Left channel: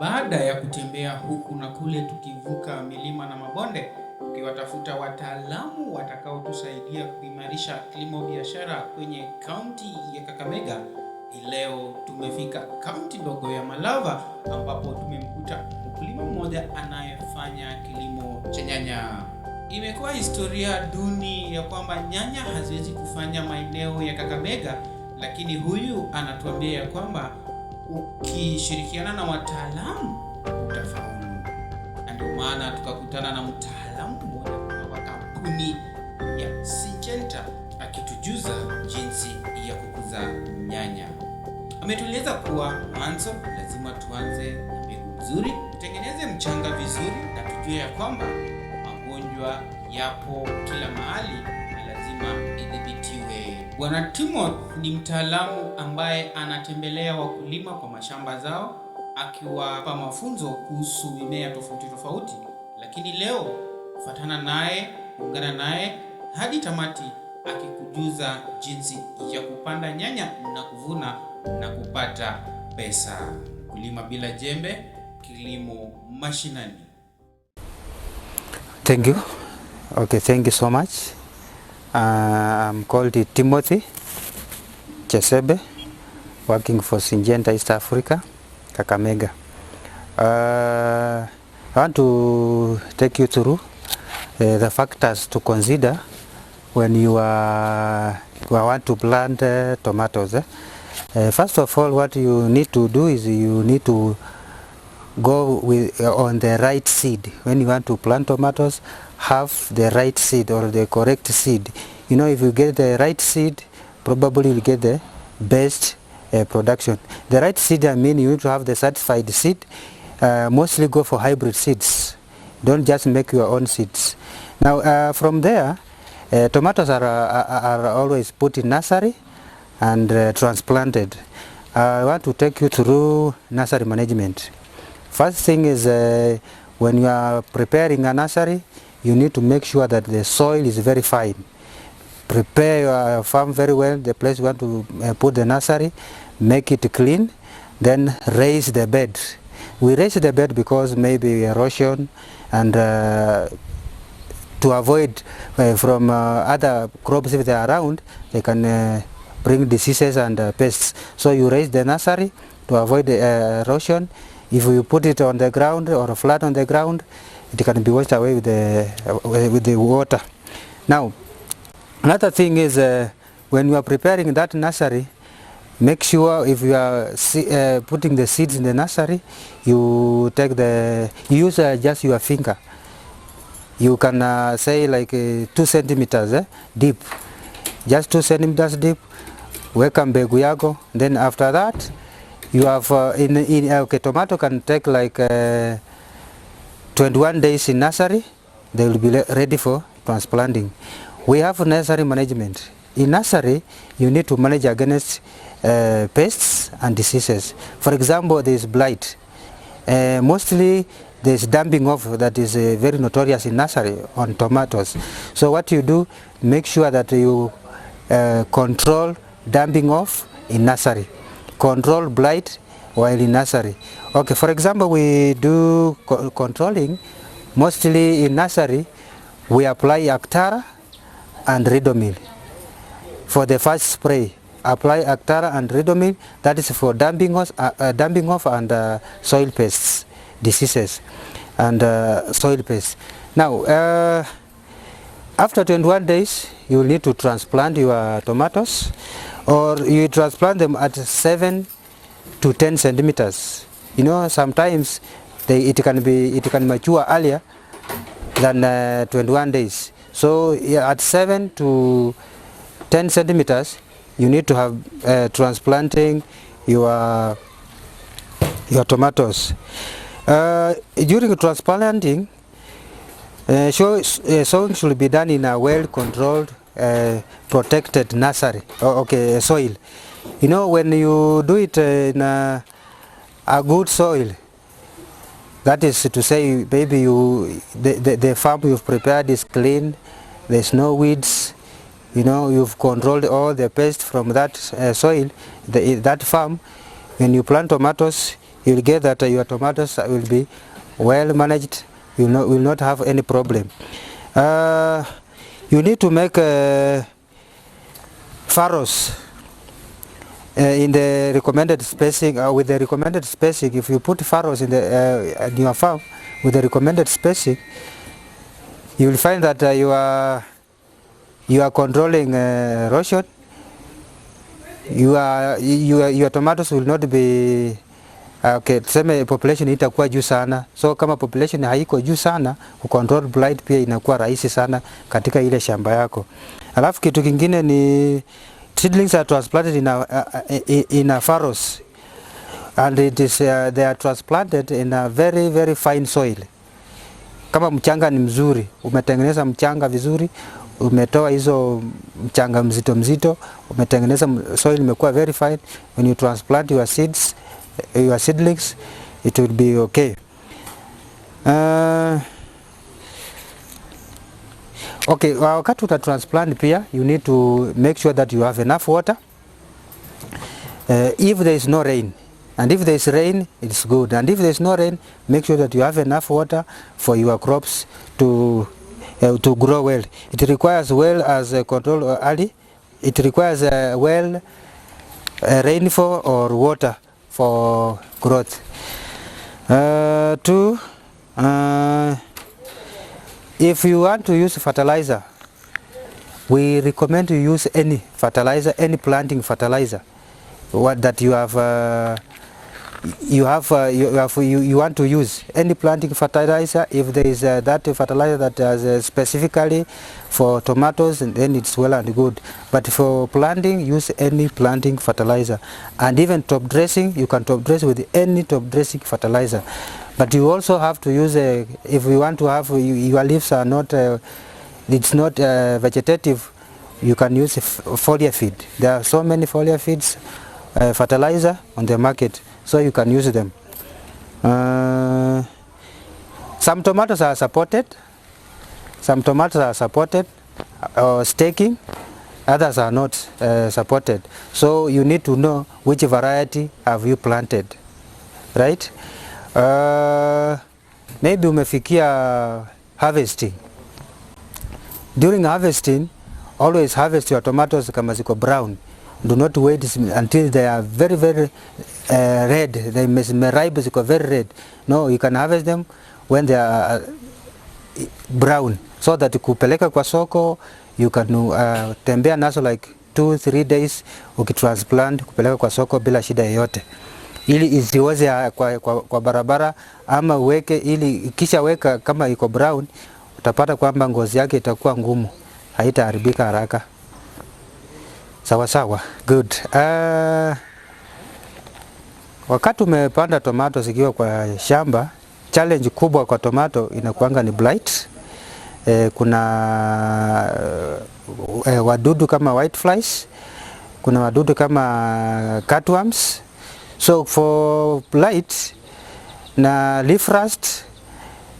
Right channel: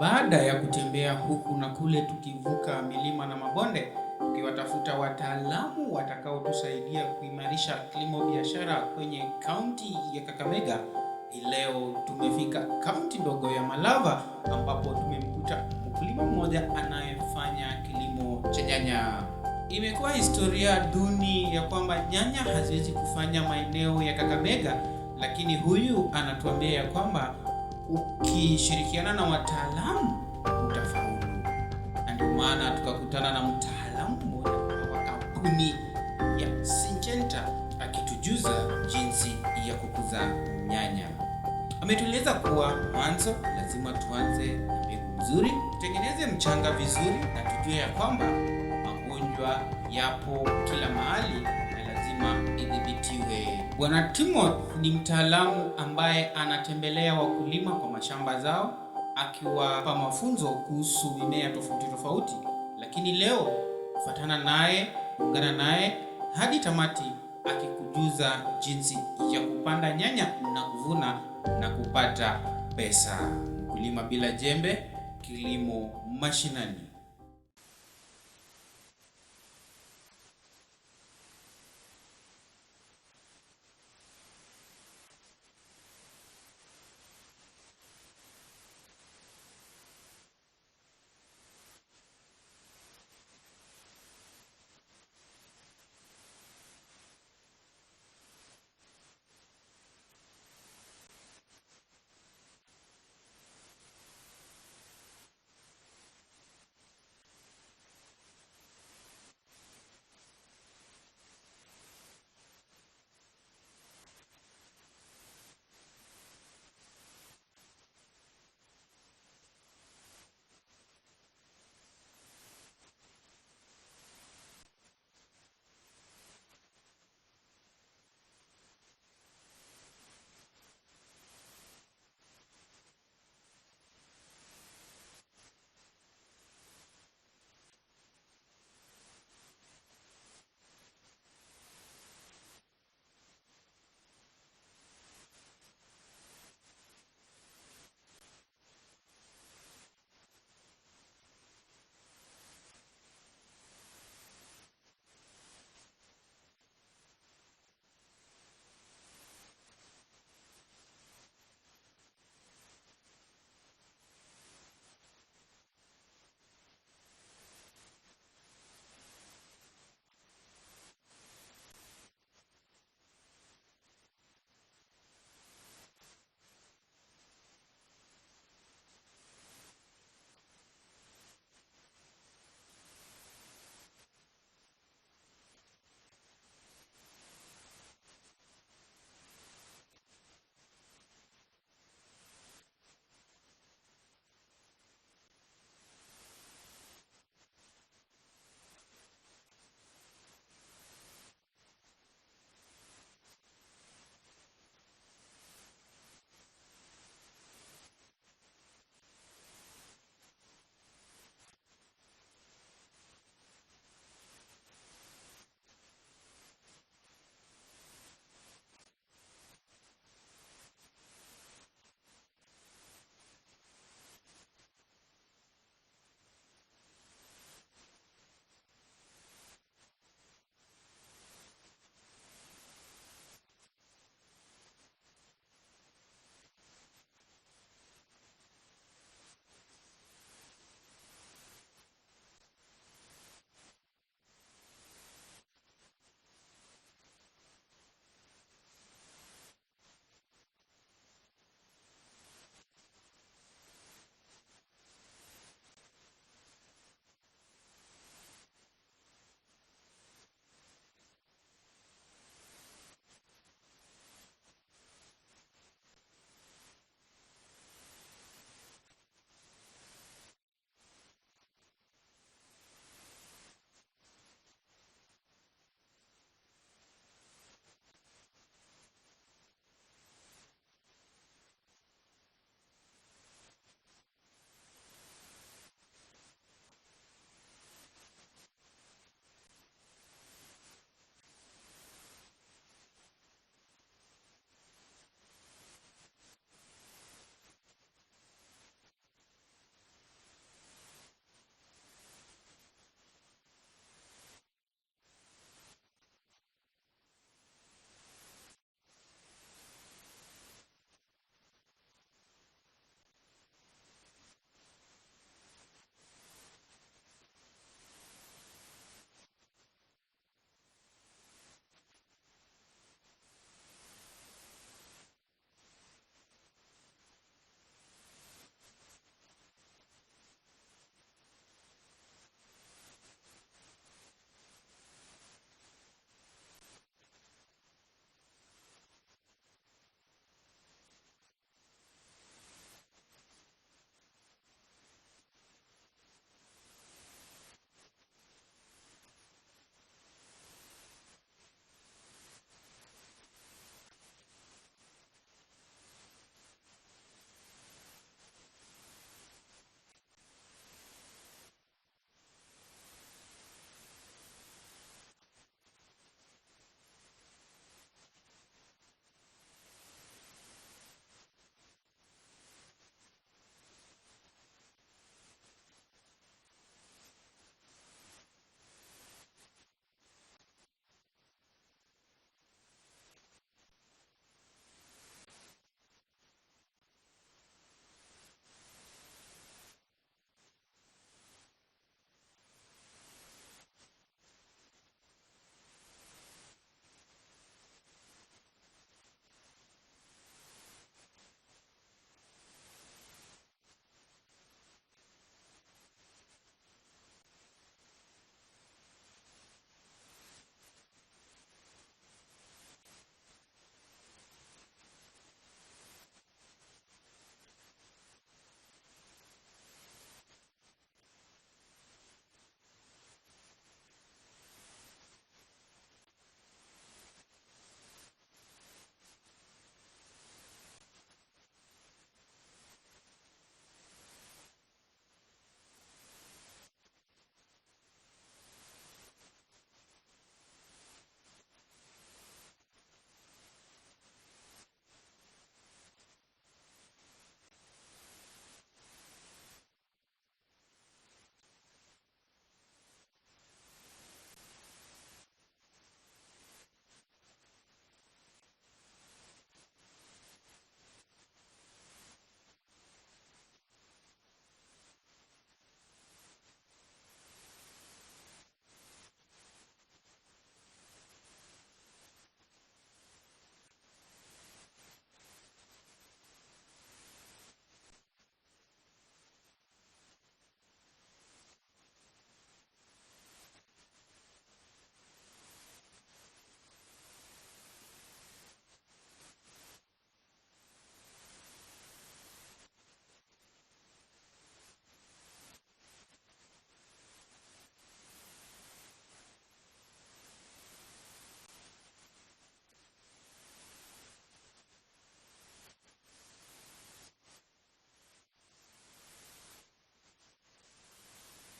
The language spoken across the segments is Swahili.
Baada ya kutembea huku na kule tukivuka milima na mabonde, tukiwatafuta wataalamu watakaotusaidia kuimarisha kilimo biashara kwenye kaunti ya Kakamega, leo tumefika kaunti ndogo ya Malava ambapo tumemkuta mkulima mmoja anayefanya kilimo cha nyanya. Imekuwa historia duni ya kwamba nyanya haziwezi kufanya maeneo ya Kakamega, lakini huyu anatuambia ya kwamba ukishirikiana na wataalamu utafaulu. Na ndio maana tukakutana na mtaalamu mmoja wa kampuni ya Syngenta akitujuza jinsi ya kukuza nyanya. Ametueleza kuwa mwanzo lazima tuanze na mbegu nzuri, tutengeneze mchanga vizuri na tujue ya kwamba magonjwa yapo kila mahali na lazima idhibitiwe. Bwana Timothy ni mtaalamu ambaye anatembelea wakulima kwa mashamba zao akiwapa mafunzo kuhusu mimea tofauti tofauti, lakini leo fuatana naye, ungana naye hadi tamati akikujuza jinsi ya kupanda nyanya na kuvuna na kupata pesa. Kulima bila jembe, kilimo mashinani. Thank you. Okay, thank you so much. I'm called Timothy Chesebe, working for Syngenta East Africa, Kakamega. I want to take you through the factors to consider when you want to plant tomatoes. First of all, what you need to do is you need to go with on the right seed. When you want to plant tomatoes, have the right seed or the correct seed. You know, if you get the right seed, probably you'll get the best production. The right seed, I mean, you need to have the certified seed. Mostly go for hybrid seeds. Don't just make your own seeds. Now, from there, tomatoes are always put in nursery and transplanted. I want to take you through nursery management. First thing is when you are preparing a nursery, you need to make sure that the soil is very fine. Prepare your farm very well, the place you want to put the nursery, make it clean, then raise the bed. We raise the bed because maybe erosion and to avoid from other crops if they are around, they can bring diseases and pests. So you raise the nursery to avoid the erosion. If you put it on the ground or flat on the ground, it can be washed away with the water. Now, another thing is when you are preparing that nursery, make sure if you are putting the seeds in the nursery, you use just your finger. You can say like 2 centimeters deep, just 2 centimeters deep. Weka mbegu yako. Then after that, you have okay, tomato can take like 21 days in nursery. They will be ready for transplanting. We have nursery management. In nursery, you need to manage against pests and diseases. For example, there is blight. Mostly there is damping off that is very notorious in nursery on tomatoes. So what you do, make sure that you control damping off in nursery. Control blight while in nursery. Okay, for example, we do controlling mostly in nursery. We apply Actara and Ridomil. For the first spray, apply Actara and Ridomil. That is for damping off and soil pests, diseases, and soil pests. Now, after 21 days, you will need to transplant your tomatoes, or you transplant them at 7 to 10 centimeters. You know, sometimes it can mature earlier than 21 days. So yeah, at 7 to 10 centimeters, you need to have transplanting your tomatoes. During transplanting, sowing should be done in a well-controlled, protected nursery, soil. You know, when you do it in a good soil, that is to say, maybe the farm you've prepared is clean, there's no weeds, you know, you've controlled all the pests from that soil, that farm. When you plant tomatoes, you'll get that your tomatoes will be well managed. You will not have any problem. You need to make furrows in the recommended spacing. With the recommended spacing, if you put furrows in your farm with the recommended spacing, you will find that you are controlling erosion. Your tomatoes will not be okay. Tuseme population itakuwa juu sana, so kama population haiko juu sana, kucontrol blight pia inakuwa rahisi sana katika ile shamba yako. Alafu kitu kingine ni seedlings are transplanted in a furrows, and it is they are transplanted in a very very fine soil. Kama mchanga ni mzuri, umetengeneza mchanga vizuri, umetoa hizo mchanga mzito mzito, umetengeneza soil imekuwa very fine, when you transplant your seedlings, it will be okay. Okay, wakati uta transplant pia, you need to make sure that you have enough water. If there is no rain, and if there is rain, it's good. And if there is no rain, make sure that you have enough water for your crops to grow well. It requires well as control early. It requires well rainfall or water for growth. If you want to use fertilizer, we recommend to use any fertilizer, any planting fertilizer. What that you want to use any planting fertilizer. If there is that fertilizer that is specifically for tomatoes, then it's well and good. But for planting, use any planting fertilizer. And even top dressing, you can top dress with any top dressing fertilizer. But you also have to use if you want to have your leaves are not it's not vegetative, you can use foliar feed. There are so many foliar feeds fertilizer on the market, so you can use them. Some tomatoes are supported, or staking, others are not supported. So you need to know which variety have you planted, right? Maybe umefikia harvesting. During harvesting, always harvest your tomatoes kama ziko brown. Do not wait until they are very very red. They may ripe ziko very red. No, you can harvest them when they are brown, so that kupeleka kwa soko, you can tembea nazo like 2-3 days ukitransplant kupeleka kwa soko bila shida yoyote, ili isiweze kwa barabara, ama uweke ili kisha weka kama iko brown, utapata kwamba ngozi yake itakuwa ngumu, haitaharibika haraka. Sawa sawa, good. Wakati umepanda tomato zikiwa kwa shamba, challenge kubwa kwa tomato inakuanga ni blight. Kuna wadudu kama white flies, kuna wadudu kama cutworms. So for blight na leaf rust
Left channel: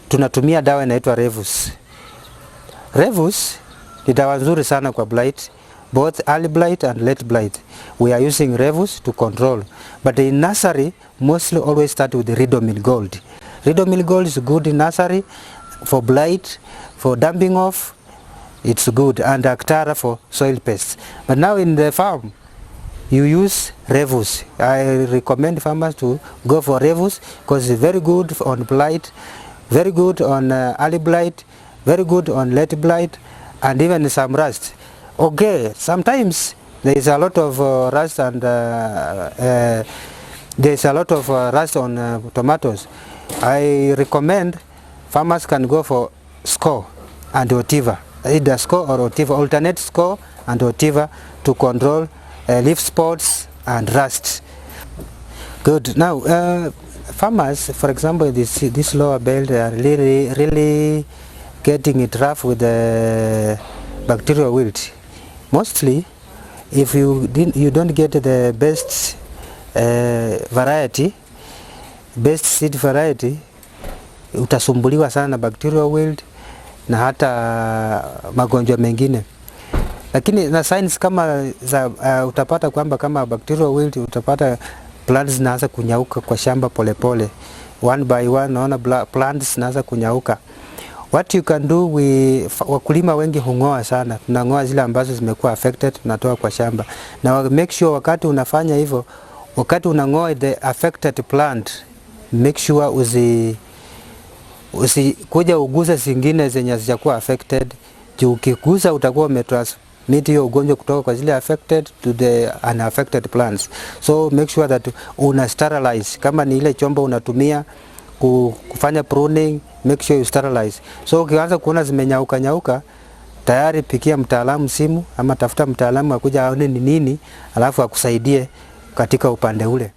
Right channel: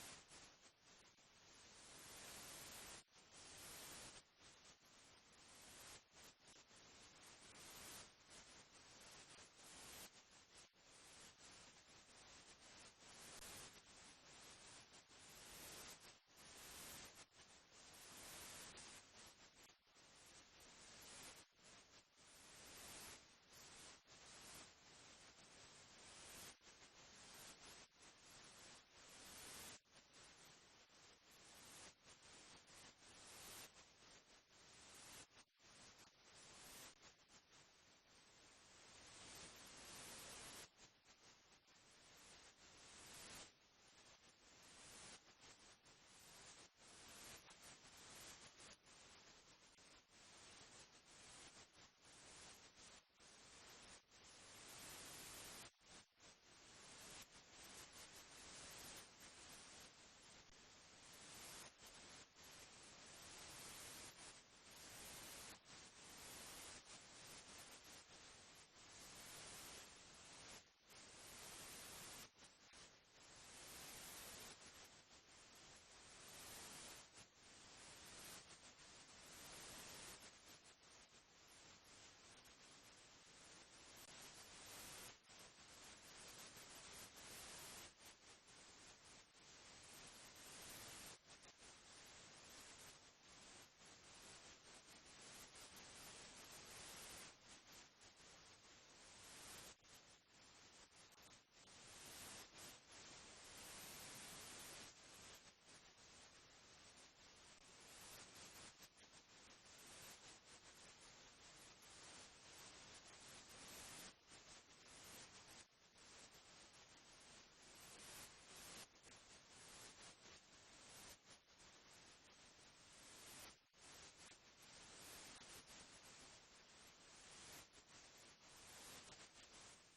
tunatumia dawa inaitwa Revus. Revus ni dawa nzuri sana kwa blight, both early blight and late blight. We are using Revus to control. But in nursery, mostly always start with the Ridomil Gold. Ridomil Gold is good in nursery for blight, for damping off, it's good, and Actara for soil pests. But now in the farm, you use Revus. I recommend farmers to go for Revus because it's very good on blight, very good on early blight, very good on late blight, and even some rust. Okay, sometimes there is a lot of rust, and there is a lot of rust on tomatoes. I recommend farmers can go for Score and Otiva, either Score or Otiva, alternate Score and Otiva to control leaf spots and rust. Good. Now, farmers, for example, this lower belt are really getting it rough with the bacterial wilt. Mostly, if you don't get the best variety, best seed variety, utasumbuliwa sana na bacterial wilt na hata magonjwa mengine. Lakini na signs kama za utapata kwamba kama bacterial wilt, utapata plants zinaanza kunyauka kwa shamba polepole. One by one naona plants zinaanza kunyauka. What you can do, wakulima wengi hungoa sana. Tunangoa zile ambazo zimekuwa affected, tunatoa kwa shamba. Na make sure wakati unafanya hivyo, wakati unangoa the affected plant, make sure kuja uguze zingine zenye hazijakuwa affected. Juu ukiguza utakuwa umetransmit hiyo ugonjwa kutoka kwa zile affected to the unaffected plants. So make sure that una sterilize. Kama ni ile chombo unatumia kufanya pruning, make sure you sterilize. So ukianza kuona zimenyauka tayari pikia mtaalamu simu ama tafuta mtaalamu akuja aone ni nini, alafu akusaidie katika upande ule.